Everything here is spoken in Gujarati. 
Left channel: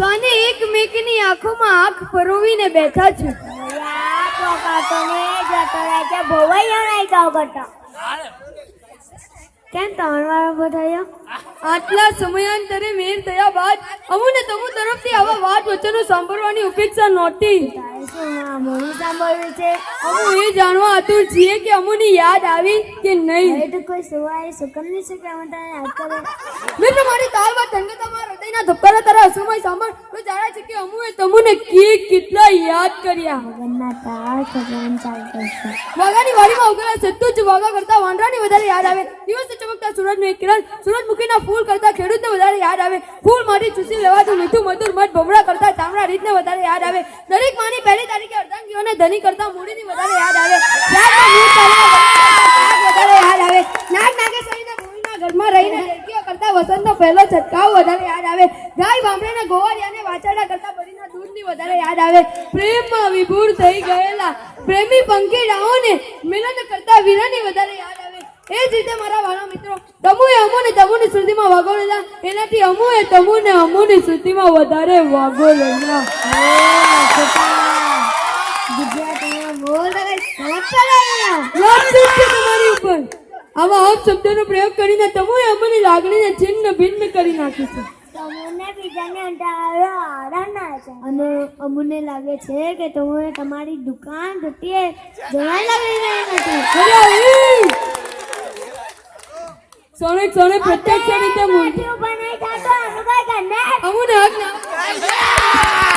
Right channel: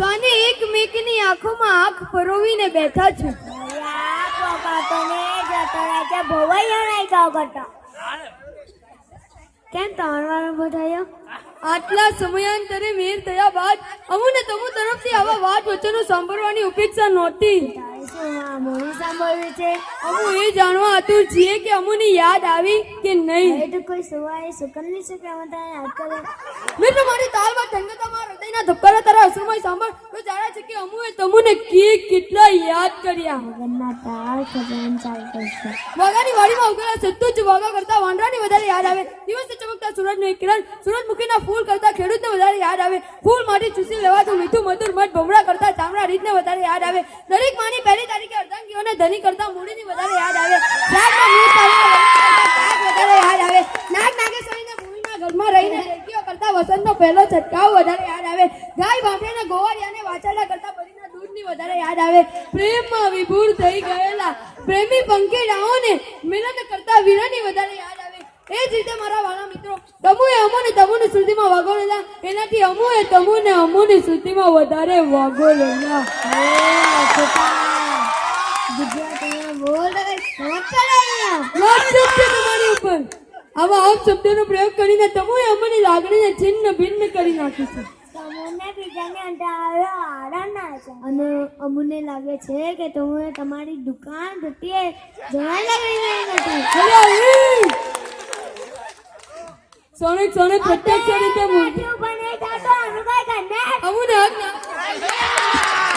તને એકમેકની આંખોમાં આંખ પરોવીને બેઠા છે. કેમ તાણવા બધાયા? આટલા સમયાંતરે મેળ થયા બાદ અમુને તમુ તરફથી આવા વાત વચનો સાંભળવાની અપેક્ષા નહોતી. સાંભળ્યું છે અમુ એ જાણવા આતુર છીએ કે અમુની યાદ આવી કે નહીં. તો કોઈ સુવાય સુકનની છે કે અમે તને યાદ કરે. મિત્ર મારી તાલમાં તંગતામાં હૃદયના ધબકારા તારા અસુરમય સાંભળ તો જાણે છે કે અમુએ તમુને કેટલા યાદ કર્યા. વગરના તાર ખજાન ચાલતો છે. વાઘાની વાડીમાં ઉગેલા સત્તુ જ વાઘા કરતા વાંદરાની વધારે યાદ આવે. દિવસે ચમકતા સૂરજનું એક કિરણ સૂરજમુખીના ફૂલ કરતા ખેડૂતને વધારે યાદ આવે. ફૂલ માટી ચૂસી લેવાતું મીઠું મધુર મધ ભમરા કરતા ચામડા રીતને વધારે યાદ આવે. દરેક માની પહેલી તારીખે અર્ધાંગીઓને ધની કરતા મૂડીની વધારે યાદ આવે. યાદમાં મૂળ તારીખે વધારે યાદ આવે. નાગ નાગેશ્વરીને ભૂમિના ઘરમાં રહીને રેતીઓ કરતા વસંતનો પહેલો છટકાવ વધારે યાદ આવે. ગાય બાંભળીને ગોવાળિયાને વાછરડા કરતા બળીના દૂધની વધારે યાદ આવે. પ્રેમમાં વિભોર થઈ ગયેલા પ્રેમી પંખીડાઓને મિલન કરતા વીરાની વધારે યાદ આવે. એ જ રીતે મારા વાલા મિત્રો તમુએ અમોને તમુની શ્રુતિમાં વાગોળેલા એનાથી અમુએ તમુને અમોની શ્રુતિમાં વધારે વાગોળેલા. તમારી ઉપર આવા હમ શબ્દોનો પ્રયોગ કરીને તમુએ અમોની લાગણીને છિન્ન ભિન્ન કરી નાખી છે. તમને બીજાને આરામ ના છે અને અમને લાગે છે કે તમે તમારી દુકાન ઘટીએ જવા લાગી રહી નથી. સોને પ્રત્યક્ષ રીતે અમુને હક ના